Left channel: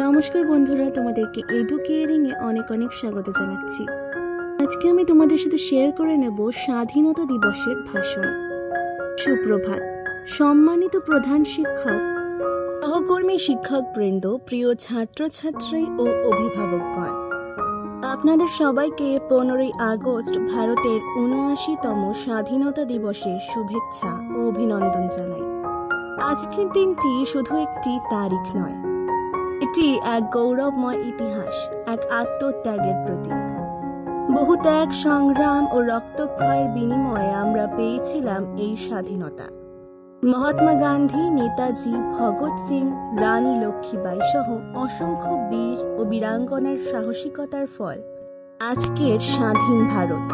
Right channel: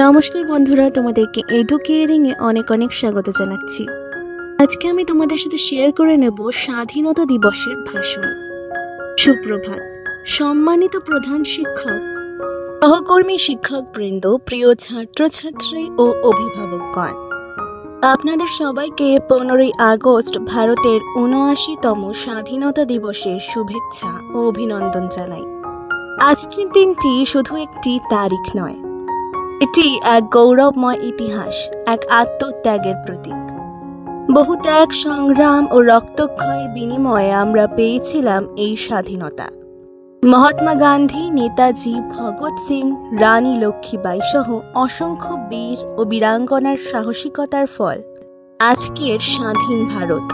নমস্কার বন্ধুরা, তোমাদেরকে এডুকেয়ারিং এ অনেক অনেক স্বাগত জানাচ্ছি। আজকে আমি তোমাদের সাথে শেয়ার করে নেব স্বাধীনতা দিবসের ভাষণ। সুপ্রভাত সম্মানিত প্রধান শিক্ষক, সহকর্মী শিক্ষকবৃন্দ, প্রিয় ছাত্রছাত্রী ও অভিভাবকগণ, আপনাদের সবাইকে 15ই আগস্ট ভারতের ৭৯তম স্বাধীনতা দিবসের শুভেচ্ছা ও অভিনন্দন জানাই। আজকের দিনটি শুধু একটি তারিখ নয়, এটি এক গৌরবময় ইতিহাস, এক আত্মত্যাগের প্রতীক। বহু ত্যাগ, সংগ্রাম ও রক্তক্ষয়ের বিনিময়ে আমরা পেয়েছিলাম এই স্বাধীনতা। মহাত্মা গান্ধী, নেতাজি, ভগৎ সিং, রানী লক্ষ্মীবাই সহ অসংখ্য বীর ও বীরাঙ্গনার সাহসিকতার ফল আজকের স্বাধীন ভারত।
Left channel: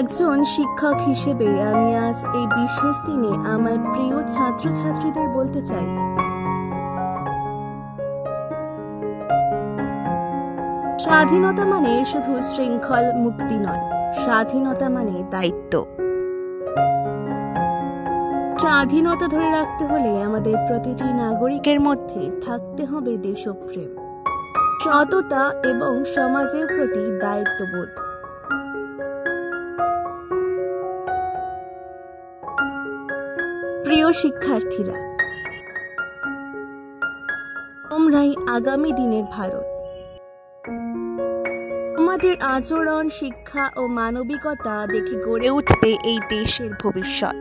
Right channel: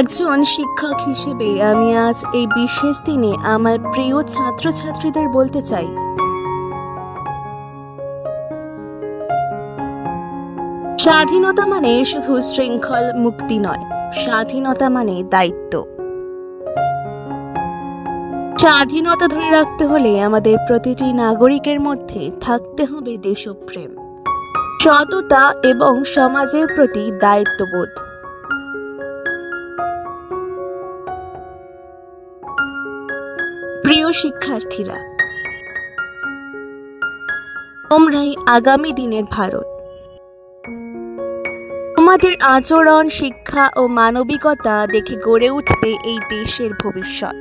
একজন শিক্ষক হিসেবে আমি আজ এই বিশেষ দিনে আমার প্রিয় ছাত্রছাত্রীদের বলতে চাই, স্বাধীনতা মানে শুধু শৃঙ্খল মুক্তি নয়, স্বাধীনতা মানে দায়িত্ব। স্বাধীনতা ধরে রাখতে হলে আমাদের প্রতিটি নাগরিকের মধ্যে থাকতে হবে দেশপ্রেম, সততা এবং সমাজের প্রতি দায়িত্ববোধ। প্রিয় শিক্ষার্থীরা, তোমরাই আগামী দিনের ভারত। তোমাদের আচরণ, শিক্ষা ও মানবিকতা দেখে গড়ে উঠবে এই দেশের ভবিষ্যৎ।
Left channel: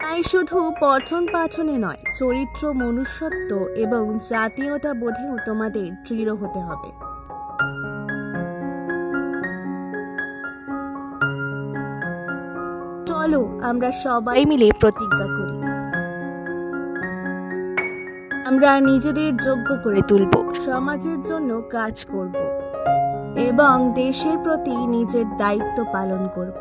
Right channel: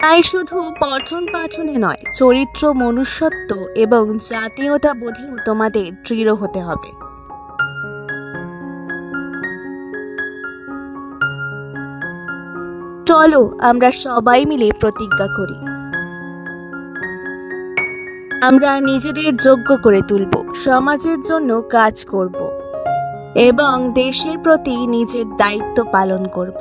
তাই শুধু পঠন পাঠনে নয়, চরিত্র, মনুষ্যত্ব এবং জাতীয়তা বোধেও তোমাদের দৃঢ় হতে হবে। চলো আমরা সবাই মিলে প্রতিজ্ঞা করি, আমরা নিজেদের যোগ্য করে তুলব, সমাজের জন্য কাজ করব এবং দেশের প্রতি নিজের দায়িত্ব পালন করব।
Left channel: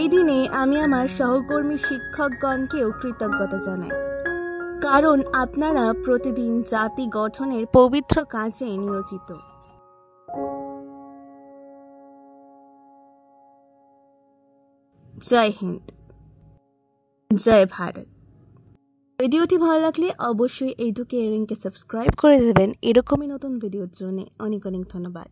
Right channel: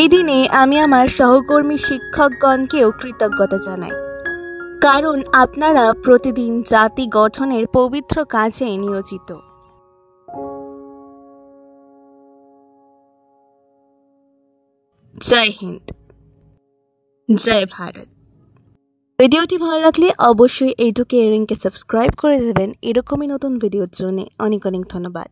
এই দিনে আমি আমার সহকর্মী শিক্ষকগণকেও কৃতজ্ঞতা জানাই, কারণ আপনারা প্রতিদিন জাতি গঠনের পবিত্র কাজে নিয়োজিত। জয় হিন্দ, জয় ভারত। ভিডিওটি ভালো লাগলে অবশ্যই এডুকেয়ারিংকে সাবস্ক্রাইব করে দেবেন। এরকমই নতুন ভিডিওর জন্য অনেক অনেক ধন্যবাদ।